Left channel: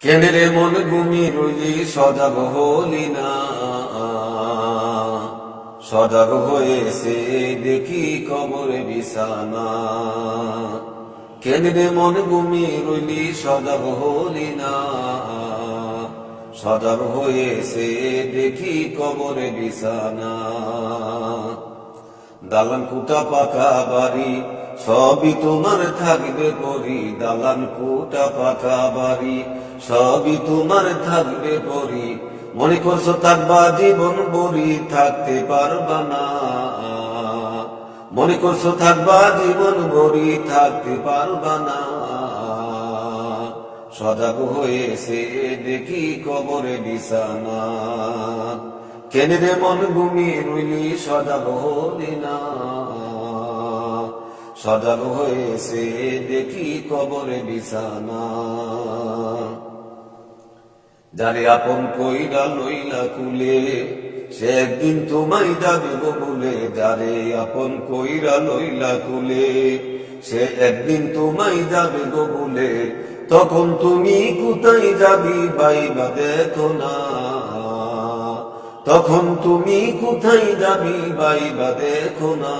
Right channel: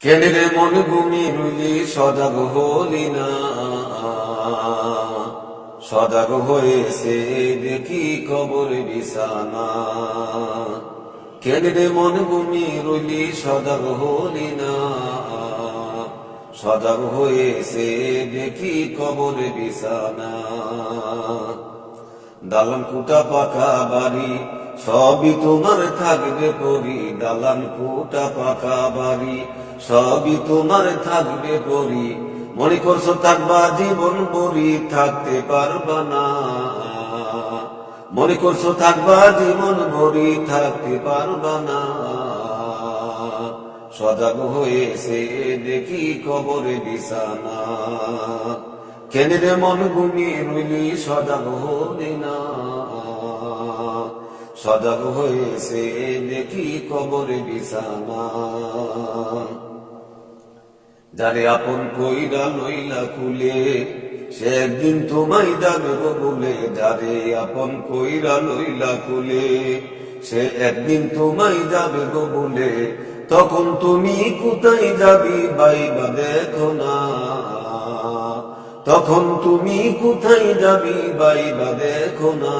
কেন্দ্রে মন ঘুমি রুলি সজাগ হলি না, সজাগ হয়েছে দেখি কবরে বিছানা। কেন্দ্রে মন ঘুমি রুলি সজাগ হলি না, সজাগ হয়েছে দেখি কবরে বিছানা। দালান কুটা পাকা বাড়ি সবই তোমার থাকবে পরি, দালান কুটা পাকা বাড়ি সবই তোমার থাকবে পরি। মনে করছো থাকবা জীবন বরি, থাকতে পারবা না। মনে করছো থাকবা জীবন বরি, থাকতে পারবা না। সজাগ হয়েছে দেখি কবরে বিছানা। কেন্দ্রে মন ঘুমিয়ে রইলি সজাগ হলি না, সজাগ হয়েছে দেখি কবরে বিছানা। যারে আপন কইরা লইলা কুলে, সে একদিন তোমায় যাবে গো বলে। যারে আপন কইরা লইলা কুলে, সে একদিন তোমায় যাবে গো বলে। তখন তুমি কোথায় যাবি বাইবা দেখো না, তখন তুমি কোথায় যাবি বাইবা দেখো না।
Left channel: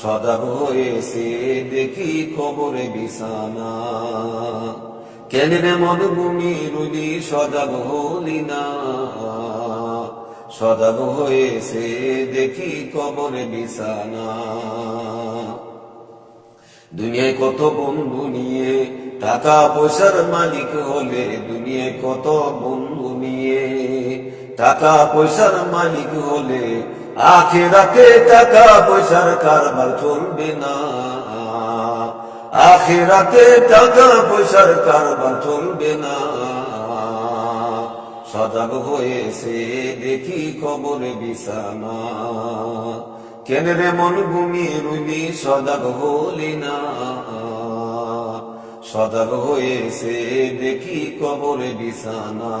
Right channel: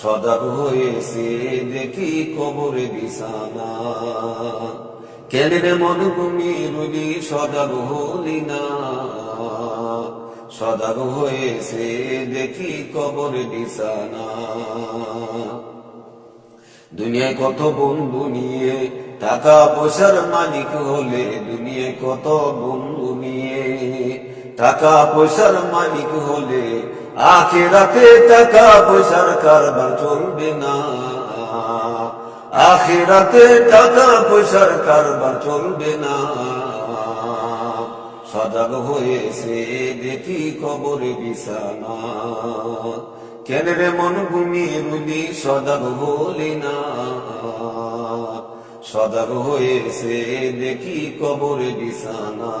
সজাগ হয়েছে দেখি কবরে বিছানা। কেন্দ্রে মন ঘুমিয়ে রইলি সজাগ হলি না, সজাগ হয়েছে দেখি কবরে বিছানা। দুনিয়ায় কত বন্ধু নিয়ে টাকা পয়সার মালিক হলে, দুনিয়ায় কত বন্ধু নিয়ে টাকা পয়সার মালিক হলে, আখিরাতে টাকা পয়সার কারবার চলবে না। আখিরাতে টাকা পয়সার কারবার চলবে না। সজাগ হয়েছে দেখি কবরে বিছানা। কেন্দ্রে মন ঘুমিয়ে রইলি সজাগ হলি না, সজাগ হয়েছে দেখি কবরে বিছানা।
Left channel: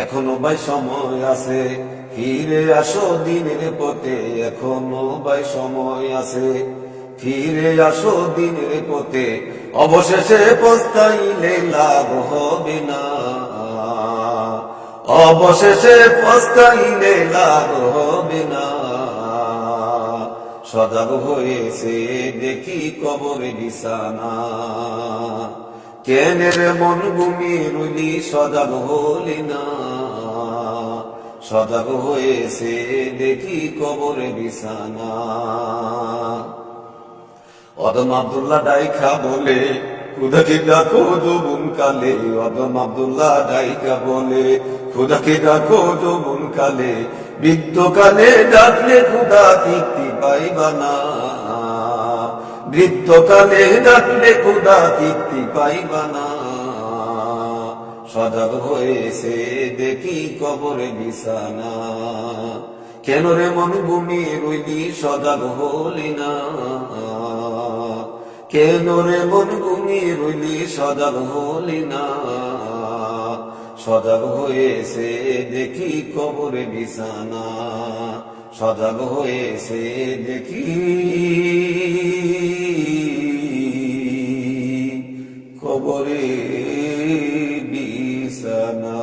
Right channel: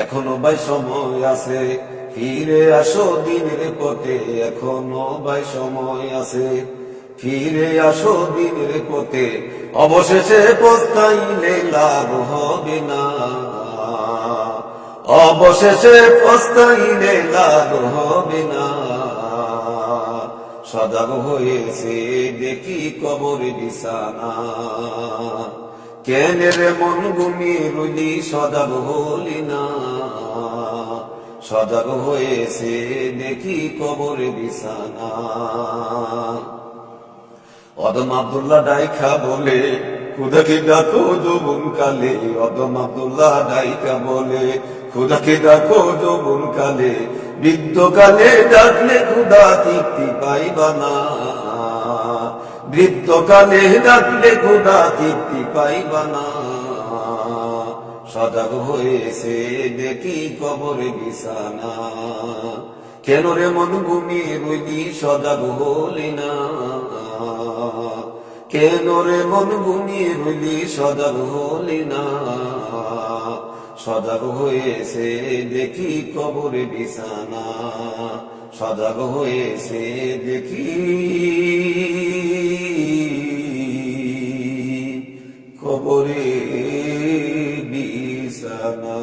এখনো ভাই সময় আছে, ফিরে আসো দিনের পথে। এখনো ভাই সময় আছে, ফিরে আসো দিনের পথে। অবশেষে পস্তাইলে লাভ হবে না, অবশেষে পস্তাইলে লাভ হবে না। সজাগ হয়েছে দেখি কবরে বিছানা। কেন্দ্রে মন ঘুমিয়ে রইলি সজাগ হলি না, সজাগ হয়েছে দেখি কবরে বিছানা। অদম আব্দুল্লাহ ডাইখা বলে খুদাকে ডাকো যৌবন কালে। অদম আব্দুল্লাহ ডাইখা বলে খুদাকে ডাকো যৌবন কালে। বৃদ্ধকালে ডাকলে খুদা তৃপ্তি পাইবা না, বৃদ্ধকালে ডাকলে খুদা তৃপ্তি পাইবা না। সজাগ হয়েছে দেখি কবরে বিছানা। কেন রে মন ঘুমিয়ে রইলি সজাগ হলি না, কেন রে মন ঘুমিয়ে রইলি সজাগ হলি না। সজাগ হয়েছে দেখি কবরে বিছানা, সজাগ হয়েছে দেখি কবরে বিছানা।